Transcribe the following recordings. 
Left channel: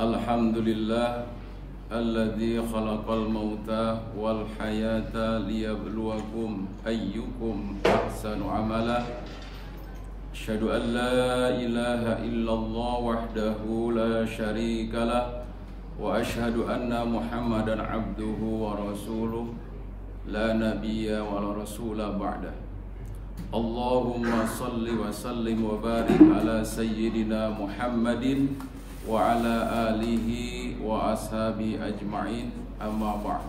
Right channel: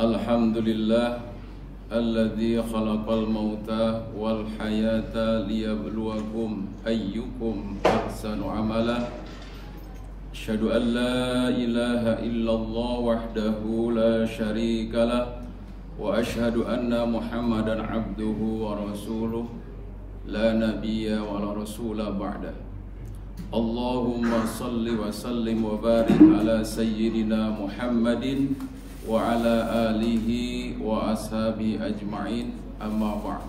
Alhamdulillah alladzi khalaqal mauta wal hayata liyabluwakum ayyukum ahsanu amala. Asyhadu an la ilaha illallah wahdahu la syarikalah wa asyhadu anna Muhammadan abduhu wa rasuluh la nabiyya wa la rasula ba'dah. Allahumma salli wa sallim wa barik ala sayyidina Muhammadin wa ala alihi wa ashabi ajma'in, amma ba'd.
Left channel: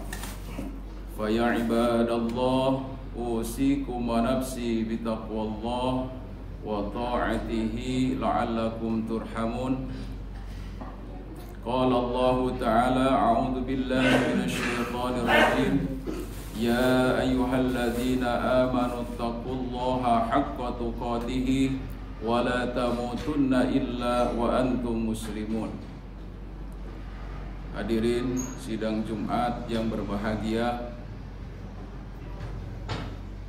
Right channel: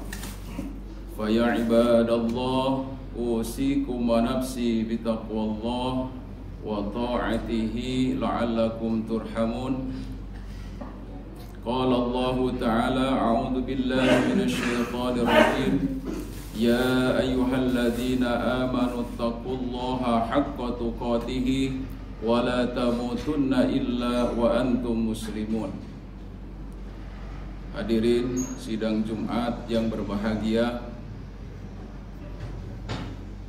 Fa ya ibadallah, usikum wa nafsi bitaqwallah wa ta'atihi la'allakum turhamun. Qala Allah ta'ala, a'udzu billahi minasy syaithanir rajim. Ya ayyuhalladzina amanu taqullaha haqqa tuqatih wa la tamutunna illa wa antum muslimun. Hadirin sidang Jumat yang berbahagia,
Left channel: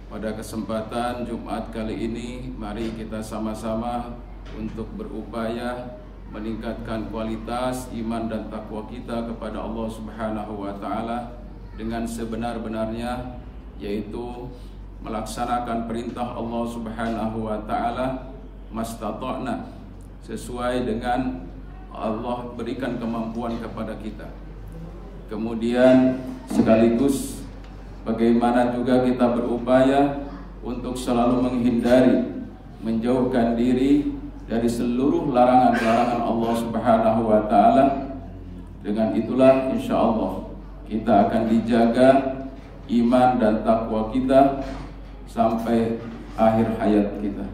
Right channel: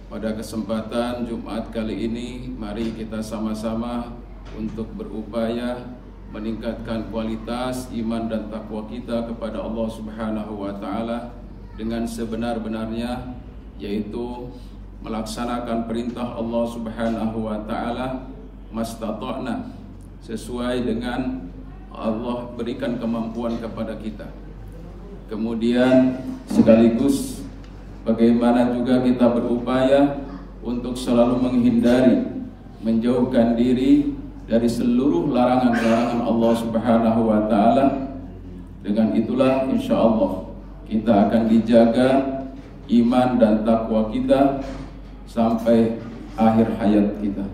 pada kesempatan Jumat kali ini mari kita sama-sama untuk berupaya meningkatkan kualitas iman dan takwa kita kepada Allah Subhanahu wa taala dengan sebenar-benarnya, yaitu melaksanakan perintah Allah Subhanahu wa taala mastata'na, sesuai dengan Allah berikan kemampuan kepada kita. Kemudian sekaligus bagaimana juga kita berupaya untuk selalu menghindari, menjauhkan diri dari seluruh larangan-larangan Allah Subhanahu wa taala. Dengan itulah insyaallah kita akan dijaga iman dan takwa kita sampai akhir hayat kita.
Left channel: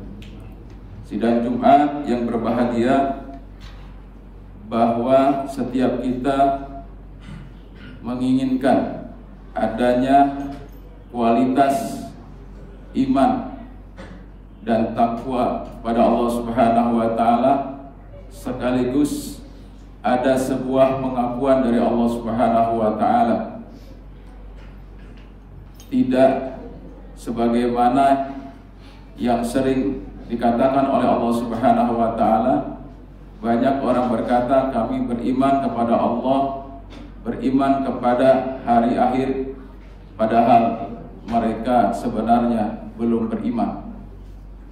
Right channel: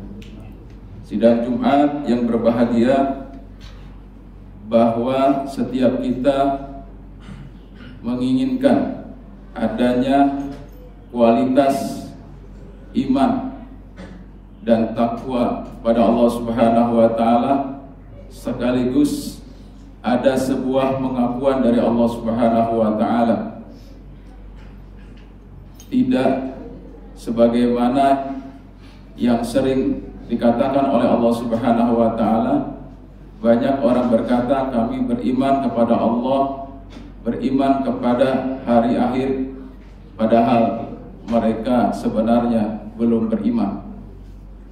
Sidang Jumat yang berbahagia, bahwa setiap kita menginginkan adanya kualitas iman dan takwa pada Allah Subhanahu wa taala, sekaligus ada sebuah pengakuan dari Allah Subhanahu wa taala. Tidak sebagaimana yang sering dikatakan oleh Allah Subhanahu wa taala, banyak orang berkata kami beriman kepada Allah, beriman kepada hari akhir, padahal mereka sebenarnya belum beriman.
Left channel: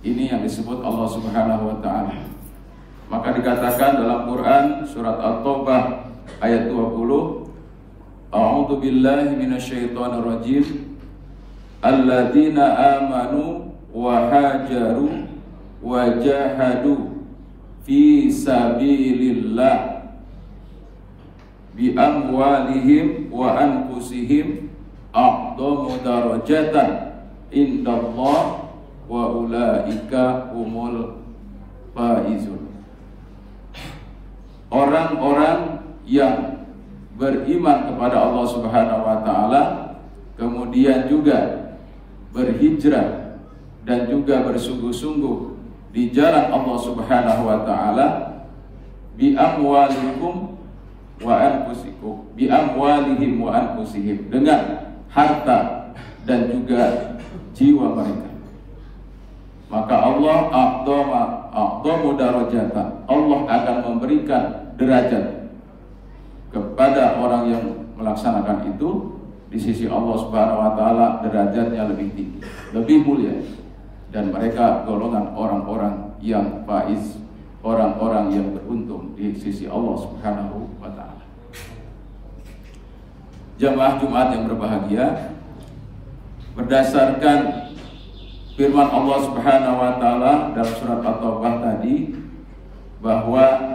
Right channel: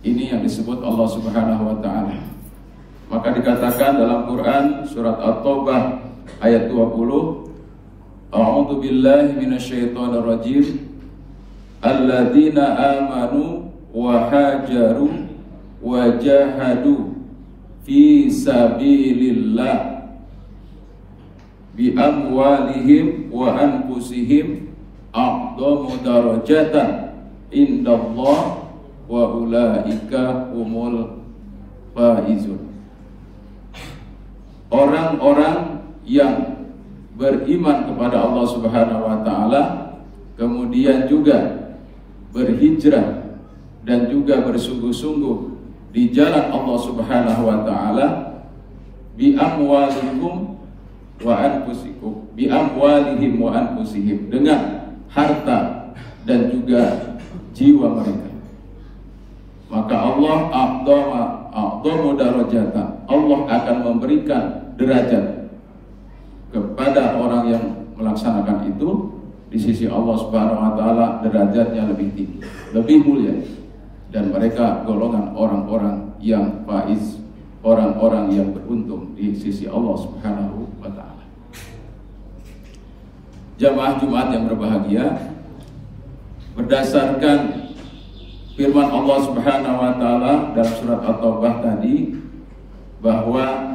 Ini yang disebut Allah Subhanahu wa taala. Maka dikatakan dalam Quran surat At-Taubah ayat 20, A'udzu billahi minasyaitonir rajim. Alladzina amanu wa hajaru wa jahadu fi sabilillah bi amwalihim wa anfusihim a'dhamu darajatan indallah wa ulaika humul faizun. Orang-orang yang beriman kepada Allah Subhanahu wa taala, kemudian juga berhijrah dan juga bersungguh-sungguh di jalan Allah Subhanahu wa taala, bi amwalikum wa anfusikum, bi amwalihim wa anfusihim, dengan harta dan juga jiwa mereka. Maka Allah a'dhamu darajatan, Allah akan memberikan derajat kepada orang yang melaksanakan itu di sisi Allah Subhanahu wa taala, derajatnya lebih tinggi, lebih mulia, dan mereka golongan orang-orang yang faiz, orang-orang yang beruntung di sisi Allah Subhanahu wa taala. Jamaah Jumat yang berbahagia, berdasarkan firman Allah Subhanahu wa taala dalam surat At-Taubah tadi, bahwa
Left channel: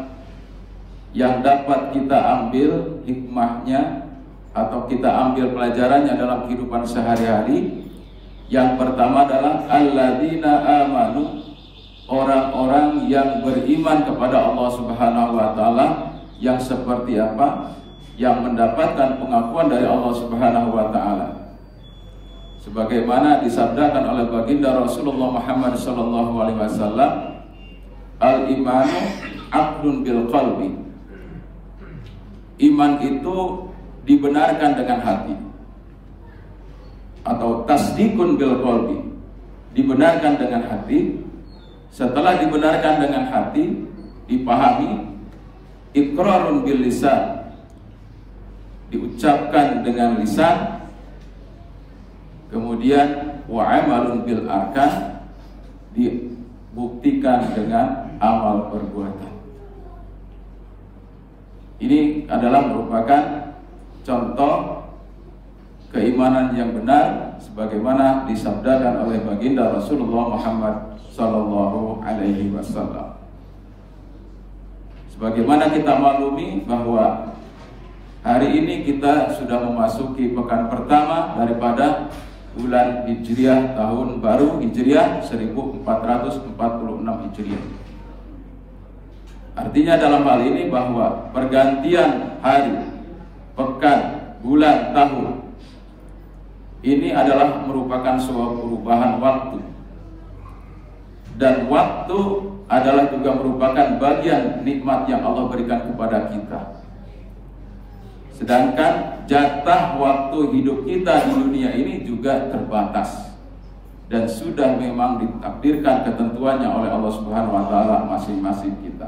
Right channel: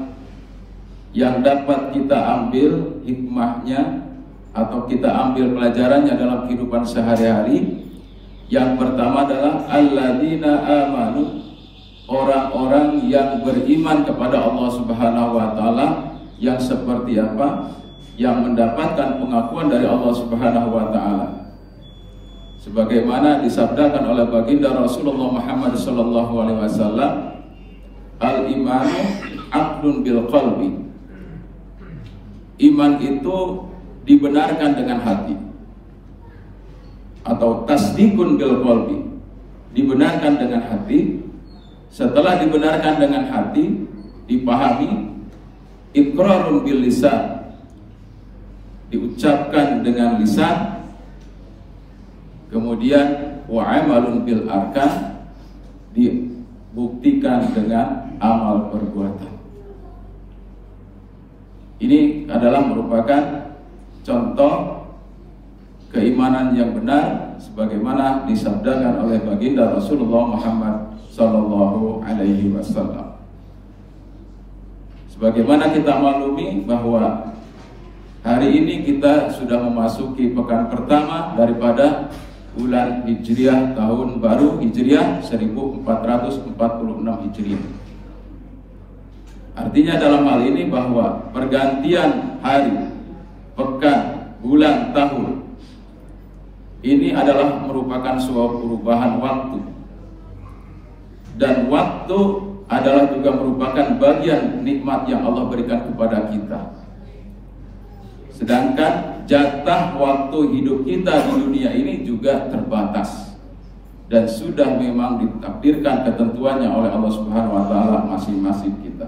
yang dapat kita ambil hikmahnya atau kita ambil pelajarannya dalam kehidupan sehari-hari, yang pertama adalah alladzina amanu, orang-orang yang beriman kepada Allah Subhanahu wa taala. Yang seperti apa? Yang mendapatkan pengakuan dari Allah Subhanahu wa taala, sebagaimana disabdakan oleh baginda Rasulullah Muhammad sallallahu alaihi wasallam, al-imanu aqdun bil qalbi. Iman itu dibenarkan dengan hati, atau tasdikun bil qalbi, dibenarkan dengan hati. Setelah dibenarkan dengan hati, dipahami, iqrarun bil lisan, diucapkan dengan lisan, kemudian wa amalun bil arkan, dibuktikan dengan amal perbuatan. Ini adalah merupakan contoh keimanan yang benar sebagaimana disabdakan oleh baginda Rasulullah Muhammad sallallahu alaihi wasallam. Sebagaimana kita maklumi bahwa hari ini kita sudah memasuki pekan pertama daripada bulan Hijriah, tahun baru Hijriah 1446 Hijriah. Artinya dalam hal ini bahwa pergantian hari, pekan, bulan, tahun ini adalah merupakan suatu perubahan waktu. Dan waktu adalah juga merupakan bagian nikmat yang Allah berikan kepada kita. Sedangkan jatah waktu hidup kita di dunia ini juga terbatas dan sudah memang ditakdirkan ketentuannya oleh Allah Subhanahu wa taala masing-masing kita.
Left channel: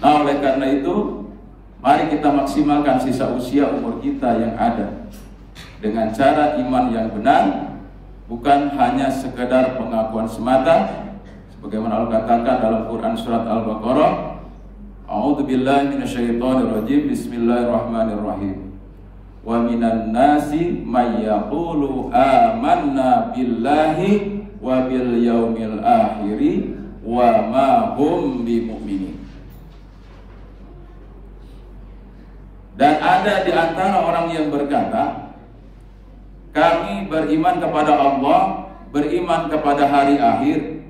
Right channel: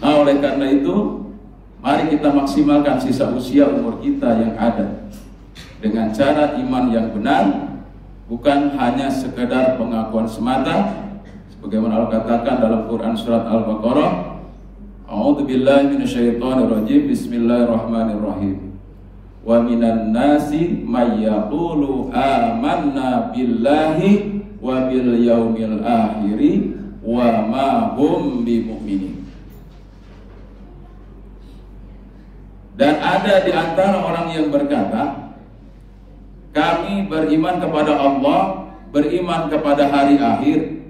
Nah, oleh karena itu, mari kita maksimalkan sisa usia umur kita yang ada dengan cara iman yang benar, bukan hanya sekedar pengakuan semata, sebagaimana Allah katakan dalam Quran surat Al-Baqarah, A'udzubillahi minasyaitonirrajim, Bismillahirrahmanirrahim. Wa minan nasi may yaqulu amanna billahi wa bil yaumil akhiri wa ma hum bimu'minin. Dan ada di antara orang yang berkata, kami beriman kepada Allah, beriman kepada hari akhir,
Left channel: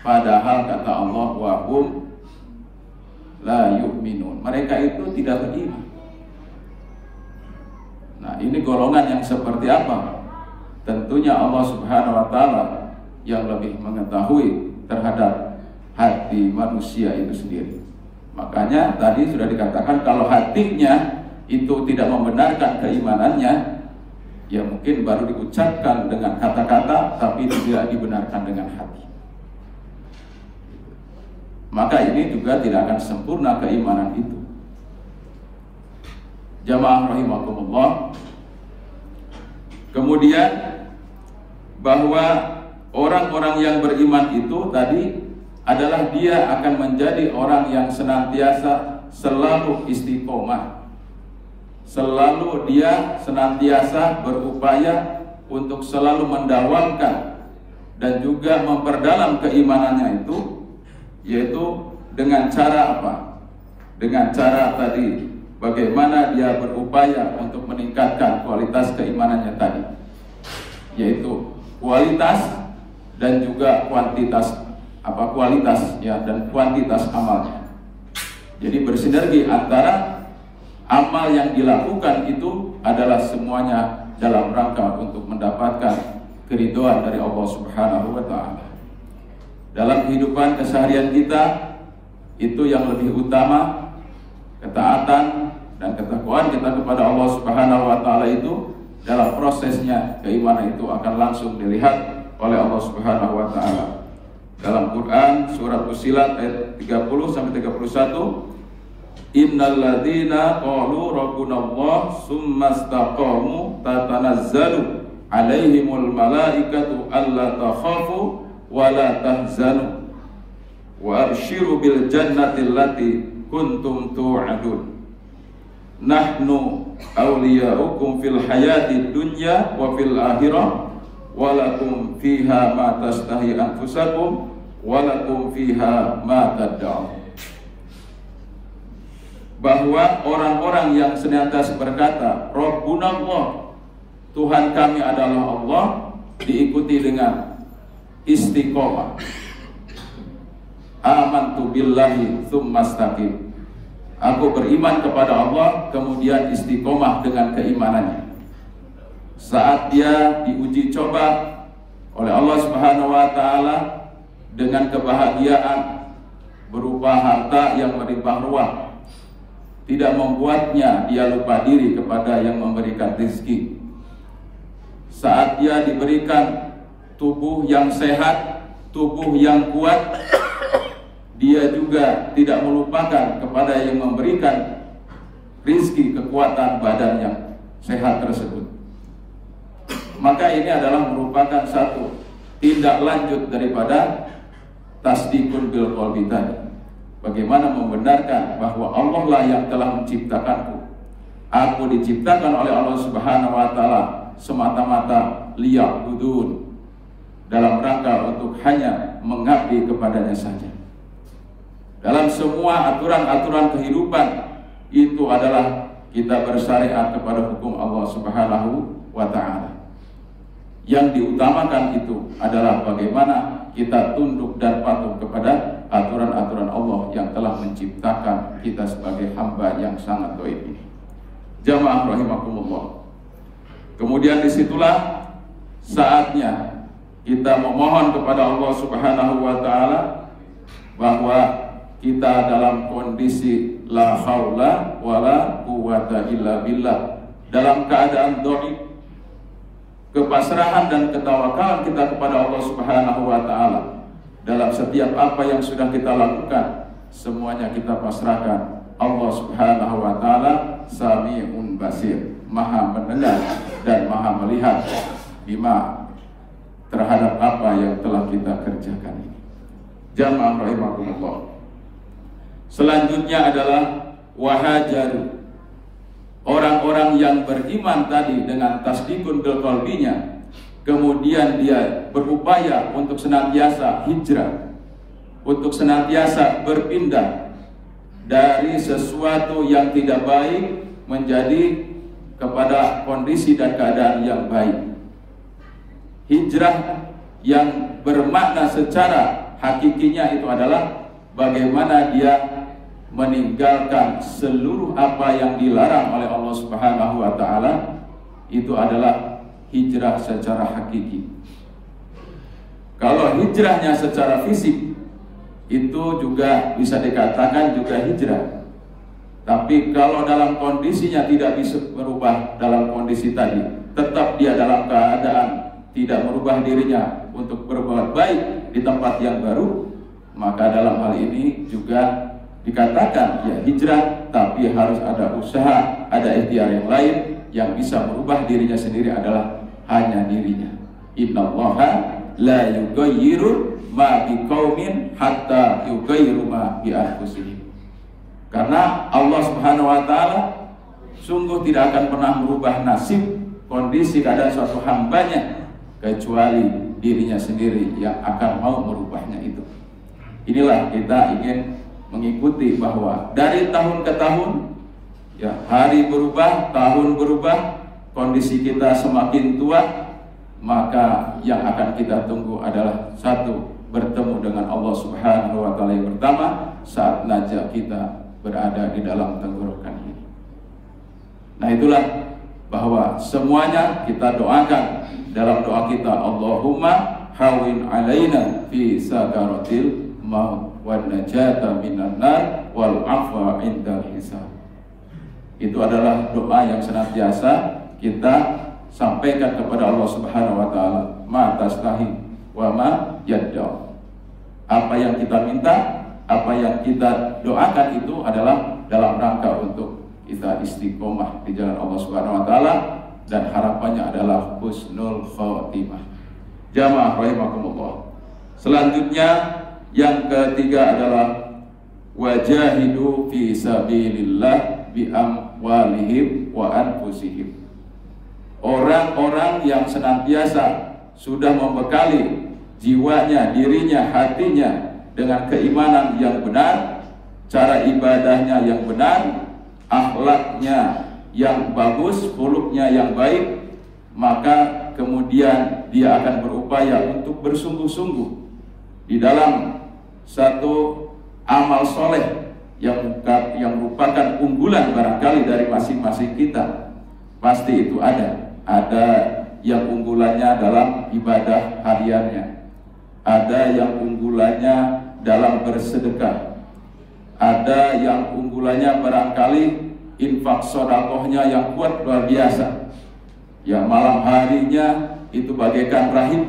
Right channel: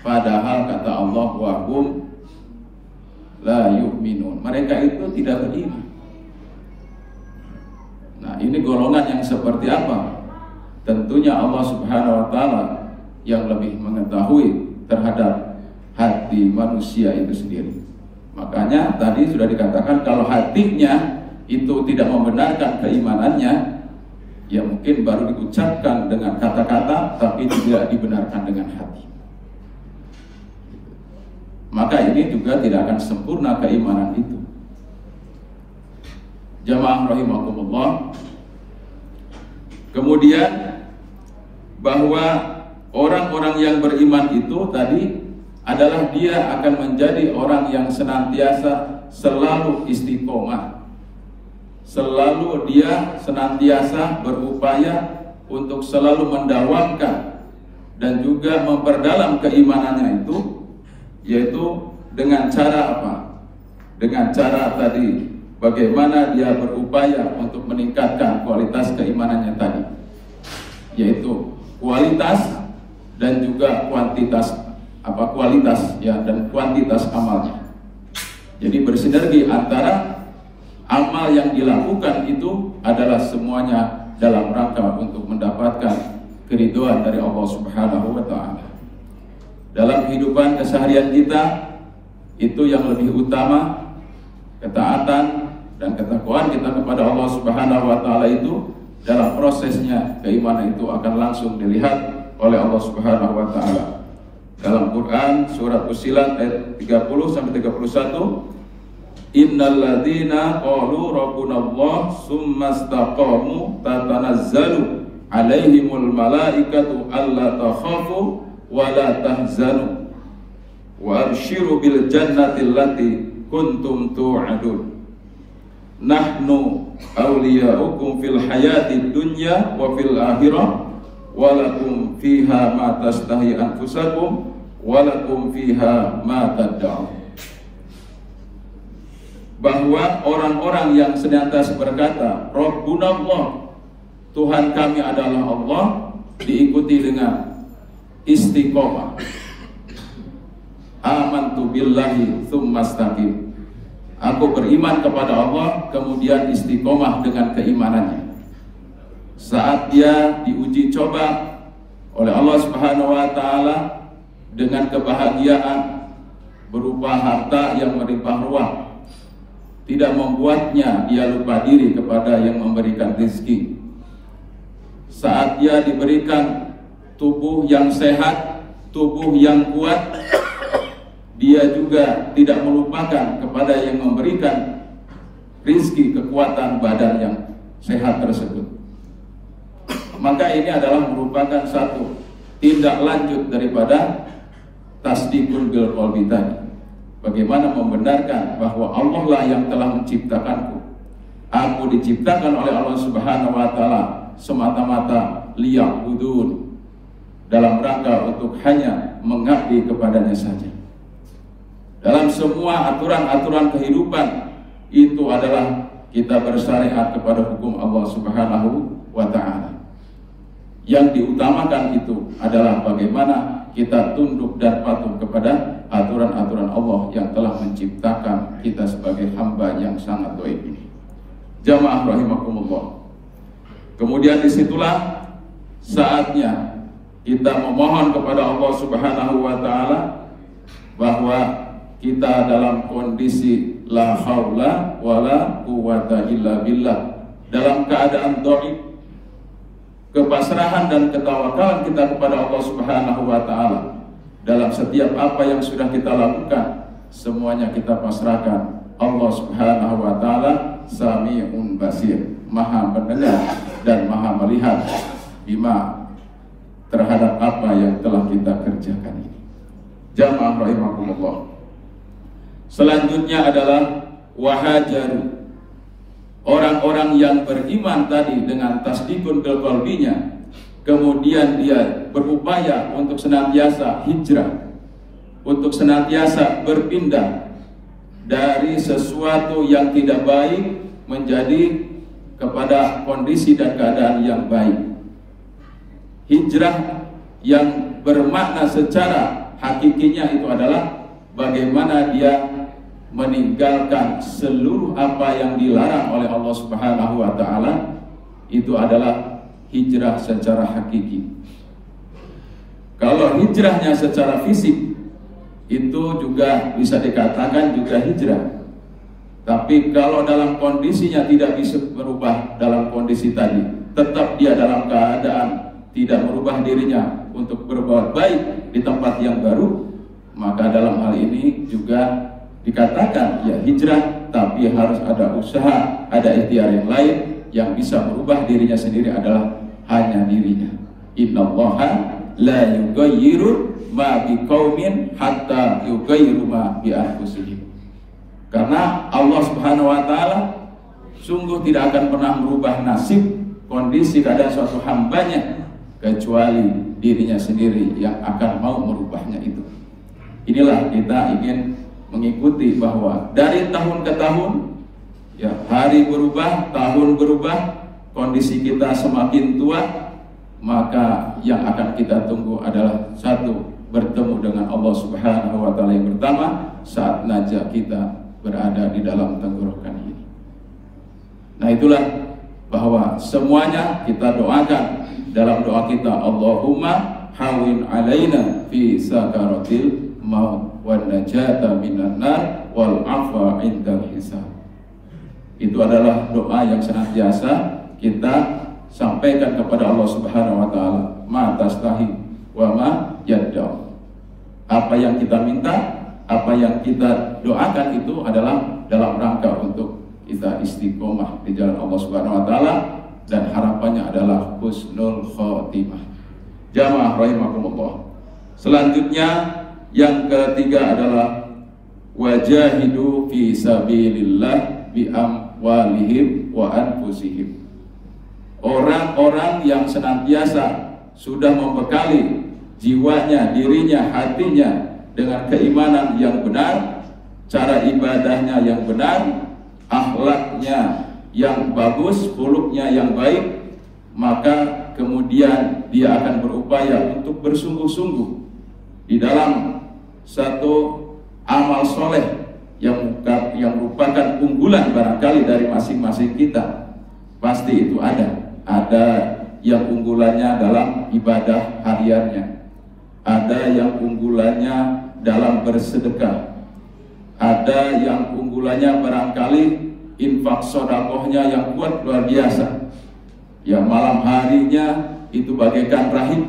padahal kata Allah, wa hum la yu'minun, mereka itu tidak beriman. Nah, ini golongan yang seperti apa? Tentunya Allah Subhanahu wa taala yang lebih mengetahui terhadap hati manusia itu sendiri. Makanya tadi sudah dikatakan kalau hatinya itu tidak membenarkan keimanannya, ya mungkin baru diucapkan dengan kata-kata tapi tidak dibenarkan dengan hati. Maka ini juga tidak akan sempurna keimanan itu. Jamaah rahimakumullah. Kemudian bahwa orang-orang yang beriman itu tadi adalah dia akan menjadi orang yang senantiasa selalu istiqomah. Selalu dia senantiasa berupaya untuk selalu mendawamkan dan juga memperdalam keimanannya itu, yaitu dengan cara apa? Dengan cara tadi, bagaimana dia berupaya untuk meningkatkan kualitas keimanannya tadi, yaitu kualitas dan juga kuantitas, kualitas ya, dan kuantitas amalnya. Jadi bersinergi antara amal yang dilakukan itu adalah semuanya dalam rangka untuk mendapatkan keridhaan dari Allah Subhanahu wa taala. Dalam kehidupan keseharian kita itu yang lebih utama ketaatan dan ketakwaan kita kepada Allah Subhanahu wa taala itu dalam prosesnya keimanan itu akan langsung dilihat oleh Allah Subhanahu wa taala. Dalam Quran surat Fussilat ayat 30 sampai 31, Innal ladzina qalu rabbunallah tsumma istaqamu tatanazzalu alaihimul malaikatu alla takhafu wa la tahzanu wa abshiru bil jannati allati kuntum tu'adun. Nahnu awliyaukum fil hayati dunya wa fil akhirah walakum fiha ma tastahi anfusakum walakum fiha ma tad'un. Bahwa orang-orang yang senantiasa berkata Rabbunallah, Tuhan kami adalah Allah, diikuti dengan istiqomah. Amantu billahi tsumma istaqim. Aku beriman kepada Allah, kemudian istiqomah dengan keimanannya. Saat dia diuji coba oleh Allah Subhanahu wa taala dengan kebahagiaan berupa harta yang melimpah ruah, tidak membuatnya dia lupa diri kepada yang memberikan rezeki. Saat dia diberikan tubuh yang sehat, tubuh yang kuat, dia dia juga tidak melupakan kepada yang memberikan rizki, kekuatan badan yang sehat tersebut. Maka ini adalah merupakan satu tindak lanjut daripada tasdikun bil qalbi tadi. Bagaimana membenarkan bahwa Allah lah yang telah menciptakanku. Aku diciptakan oleh Allah Subhanahu wa taala semata-mata liya'budun, dalam rangka untuk hanya mengabdi kepadanya saja. Dalam semua aturan-aturan kehidupan itu adalah kita bersyariat kepada hukum Allah Subhanahu wa taala. Yang diutamakan itu adalah bagaimana kita tunduk dan patuh kepada aturan-aturan Allah yang telah menciptakan kita sebagai hamba yang sangat dhaif ini. Jamaah rahimakumullah. Kemudian disitulah saatnya kita memohon kepada Allah Subhanahu wa taala bahwa kita dalam kondisi la haula wala quwata illa billah, dalam keadaan dhaif. Kepasrahan dan ketawakalan kita kepada Allah Subhanahu wa taala dalam setiap apa yang sudah kita lakukan, semuanya kita pasrahkan. Allah Subhanahu wa taala Sami'un Basir, Maha mendengar dan Maha melihat bima terhadap apa yang telah kita kerjakan ini. Jamaah rahimakumullah. Selanjutnya adalah wahajaru. Orang-orang yang beriman tadi dengan tasdikun bil qalbinya, kemudian dia berupaya untuk senantiasa hijrah, untuk senantiasa berpindah dari sesuatu yang tidak baik menjadi kepada kondisi dan keadaan yang baik. Hijrah yang bermakna secara hakikinya itu adalah bagaimana dia meninggalkan seluruh apa yang dilarang oleh Allah Subhanahu wa taala. Itu adalah hijrah secara hakiki. Kalau hijrahnya secara fisik itu juga bisa dikatakan juga hijrah. Tapi kalau dalam kondisinya tidak bisa merubah dalam kondisi tadi, tetap dia dalam keadaan tidak merubah dirinya untuk berbuat baik di tempat yang baru, maka dalam hal ini juga dikatakan ya hijrah, tapi harus ada usaha, ada ikhtiar yang lain. Yang bisa merubah dirinya sendiri adalah hanya dirinya. Innallaha la yughayyiru ma biqaumin hatta yughayyiru ma bi anfusihim. Karena Allah Subhanahu wa taala sungguh tidak akan pernah merubah nasib, kondisi, keadaan suatu hambanya kecuali dirinya sendiri yang akan mau merubahnya itu. Inilah kita ingin mengikuti bahwa dari tahun ke tahun ya, hari berubah, tahun berubah, kondisi kita semakin tua, maka yang akan kita tunggu adalah satu, bertemu dengan Allah Subhanahu wa taala yang pertama saat najah kita berada di dalam tenggorokan ini. Nah, itulah bahwa semuanya kita doakan dalam doa kita, Allahumma hawin alaina fi sakaratil maut wan najata minan nar wal afwa indal hisab. Itu adalah doa yang senantiasa kita sampaikan kepada Allah Subhanahu wa taala. Ma tastahi wa ma yadda. Apa yang kita minta, apa yang kita doakan itu adalah dalam rangka untuk kita istiqomah di jalan Allah Subhanahu wa taala, dan harapannya adalah husnul khotimah. Jamaah rahimakumullah. Selanjutnya yang ketiga adalah wajahidu fi sabilillah bi amwalihim wa anfusihim. Orang-orang yang senantiasa sudah membekali jiwanya, dirinya, hatinya dengan keimanan yang benar, cara ibadahnya yang benar, akhlaknya yang bagus, khuluqnya yang baik, maka kemudian dia akan berupaya untuk bersungguh-sungguh di dalam satu amal soleh yang merupakan unggulan barangkali dari masing-masing kita. Pasti itu ada yang unggulannya dalam ibadah hariannya, ada yang unggulannya dalam bersedekah, ada yang unggulannya barangkali infak sodakohnya yang kuat luar biasa. Ya, malam harinya itu bagaikan rahib,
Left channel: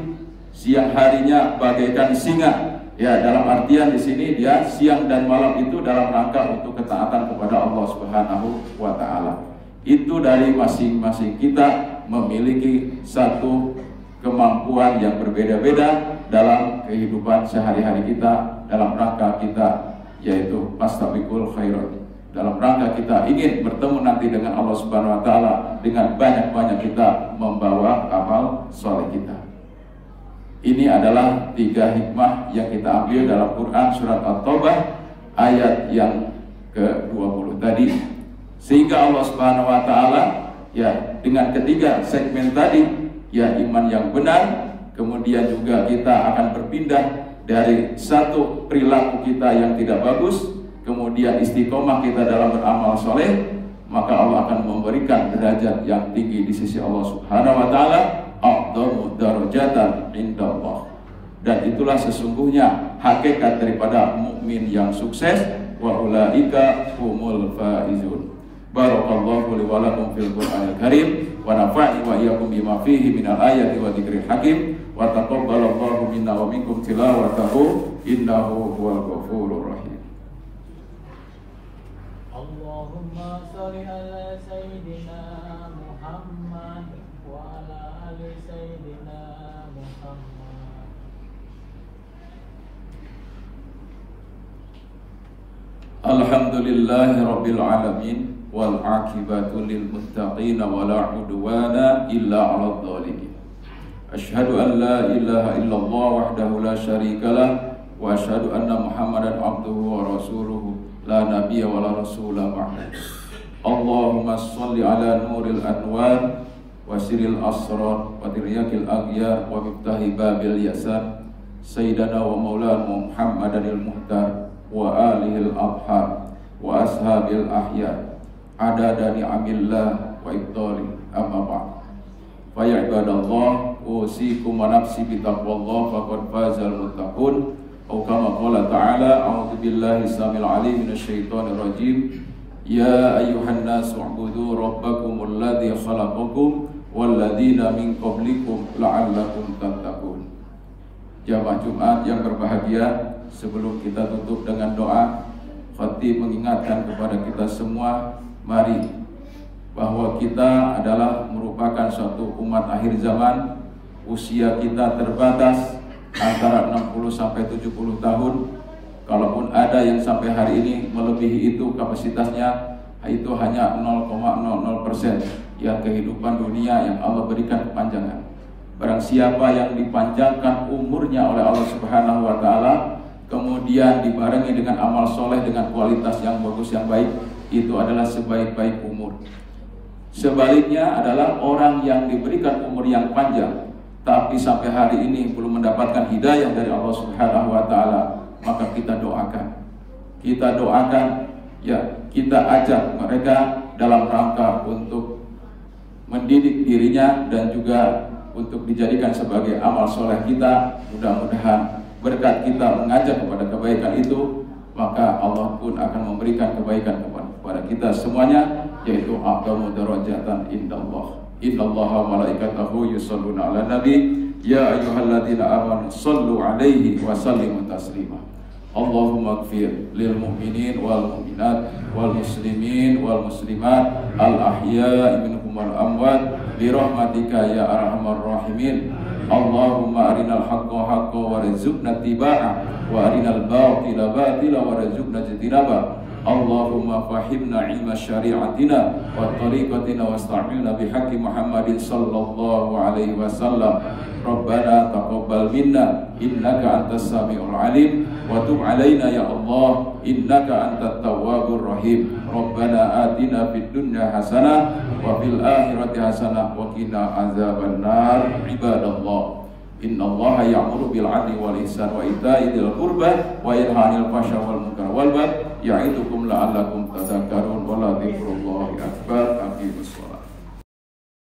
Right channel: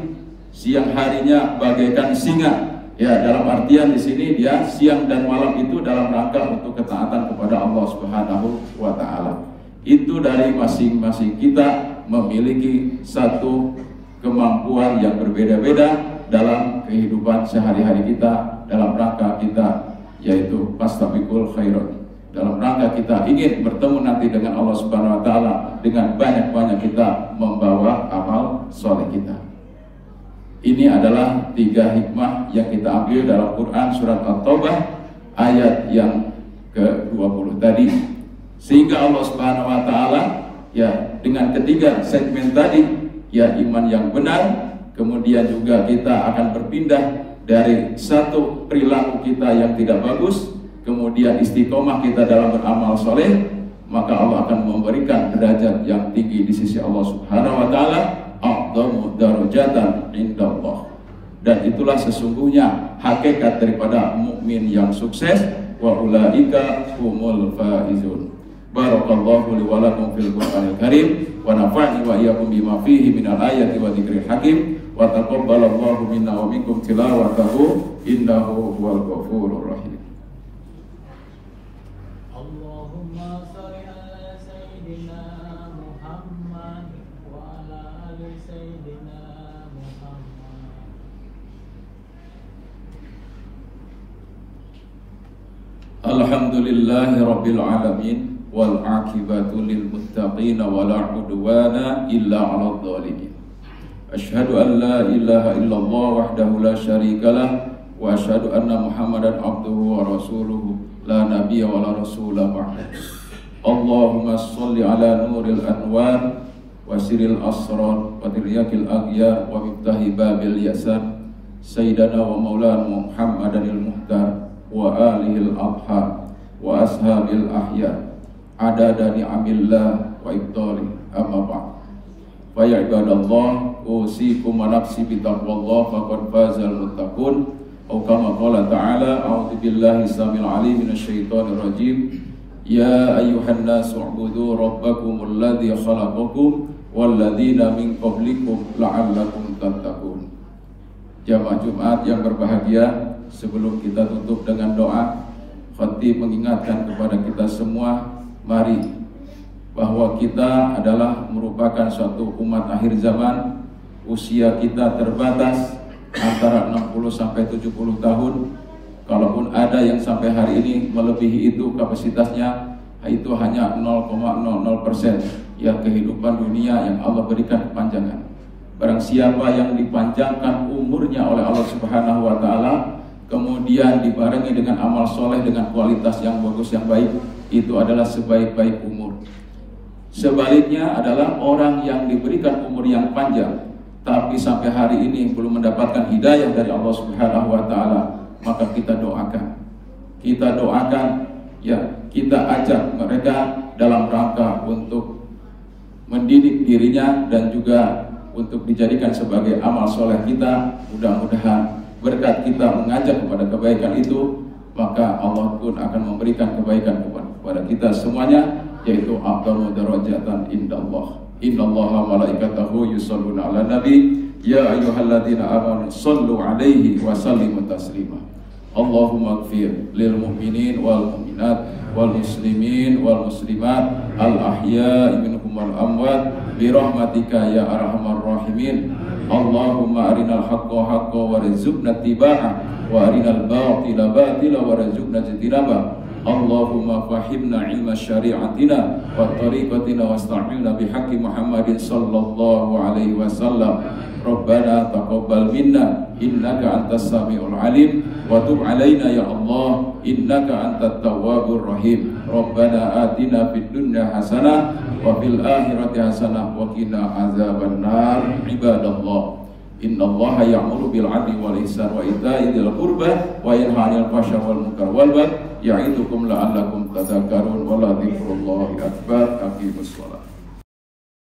siang harinya bagaikan singa Ya, dalam artian di sini dia siang dan malam itu dalam rangka untuk ketaatan kepada Allah Subhanahu wa taala. Itu dari masing-masing kita memiliki satu kemampuan yang berbeda-beda dalam kehidupan sehari-hari kita, dalam rangka kita yaitu fastabiqul khairat. Dalam rangka kita ingin bertemu nanti dengan Allah Subhanahu wa taala, dengan banyak-banyak kita membawa amal soleh kita. Ini adalah 3 hikmah yang kita ambil dalam Quran surat At-Taubah ayat yang ke-20 tadi. Sehingga Allah Subhanahu wa taala ya dengan ketiga segmen tadi ya iman yang benar, kemudian juga kita akan berpindah dari satu perilaku kita yang tidak bagus, kemudian istiqomah kita dalam beramal soleh, maka Allah akan memberikan derajat yang tinggi di sisi Allah Subhanahu wa taala, a'dhamu darajatan indallah. Dan itulah sesungguhnya hakikat daripada mukmin yang sukses, wa ulaika humul faizun. Barakallahu li wa lakum fil Qur'anil Karim wa nafa'ni wa iyyakum bima fihi minal ayati wa dzikril hakim wa taqabbalallahu minna wa minkum tilawatahu innahu huwal ghafurur rahim. Allahumma shalli ala sayyidina Muhammad wa ala ali sayyidina Muhammad. Alhamdulillahi rabbil alamin wal aqibatu lil muttaqin wa la udwana illa 'alal zalimin. Asyhadu an la ilaha illallah wahdahu la syarikalah wa asyhadu anna Muhammadan abduhu wa rasuluhu la nabiyya wa la rasula ba'da. Allahumma shalli ala nuril anwar wa siril asrar wa tiryakil aghyar wa miftahi babil yasar sayyidana wa maulana Muhammadanil muhtar wa alihil adhar wa ashabil ahyar adada ni'amillah wa ibtali amma ba'd. Fa ya ibadallah usikum wa nafsi bi taqwallah faqad fazal muttaqun. Atau kama qala ta'ala a'udzu billahi samil alim minasyaitonir rajim. Ya ayyuhan nasu u'budu rabbakumul ladzi khalaqakum wal ladzina min qablikum la'allakum tattaqun. Jamaah Jumat yang berbahagia, sebelum kita tutup dengan doa, khatib mengingatkan kepada kita semua, mari bahwa kita adalah merupakan suatu umat akhir zaman. Usia kita terbatas antara 60 sampai 70 tahun. Kalaupun ada yang sampai hari ini melebihi itu kapasitasnya, itu hanya 0,00% yang kehidupan dunia yang Allah berikan kepanjangan. Barang siapa yang dipanjangkan umurnya oleh Allah Subhanahu wa taala, kemudian dibarengi dengan amal soleh dengan kualitas yang bagus yang baik, itu adalah sebaik-baik umur. Sebaliknya adalah orang yang diberikan umur yang panjang tapi sampai hari ini belum mendapatkan hidayah dari Allah Subhanahu wa taala, maka kita doakan. Kita doakan ya, kita ajak mereka dalam rangka untuk mendidik dirinya dan juga untuk dijadikan sebagai amal soleh kita. Mudah-mudahan berkat kita mengajak kepada kebaikan itu, maka Allah pun akan memberikan kebaikan kepada kita semuanya, yaitu a'dhamu darajatan indallah. Innallaha malaikatahu yusholluna 'alan nabi ya ayyuhalladzina amanu shallu 'alaihi wa sallimu taslima. Allahumma ighfir lil mu'minin wal mu'minat wal muslimin wal muslimat al ahya'i minhum wal amwat bi rahmatika ya arhamar rahimin. Allahumma arinal haqqa haqqan warzuqna ittiba'ah wa arinal batila batila warzuqna ijtinabah. Allahumma fahimna ilma syari'atina wa tariqatina wasta'milna bihaqqi Muhammadin sallallahu alaihi wasallam. Rabbana taqabbal minna innaka antas samiul alim wa tub alaina ya Allah innaka antat tawwabur rahim. Rabbana atina fid dunya hasanah wa fil akhirati hasanah wa qina azabannar. Ibadallah, innallaha ya'muru bil 'adli wal ihsan wa ita'i dzil qurba wa yanha 'anil fahsya'i wal munkar wal baghi ya'idukum la'allakum tadhakkarun wa la dzikrullahi akbar. Aqimus shalah.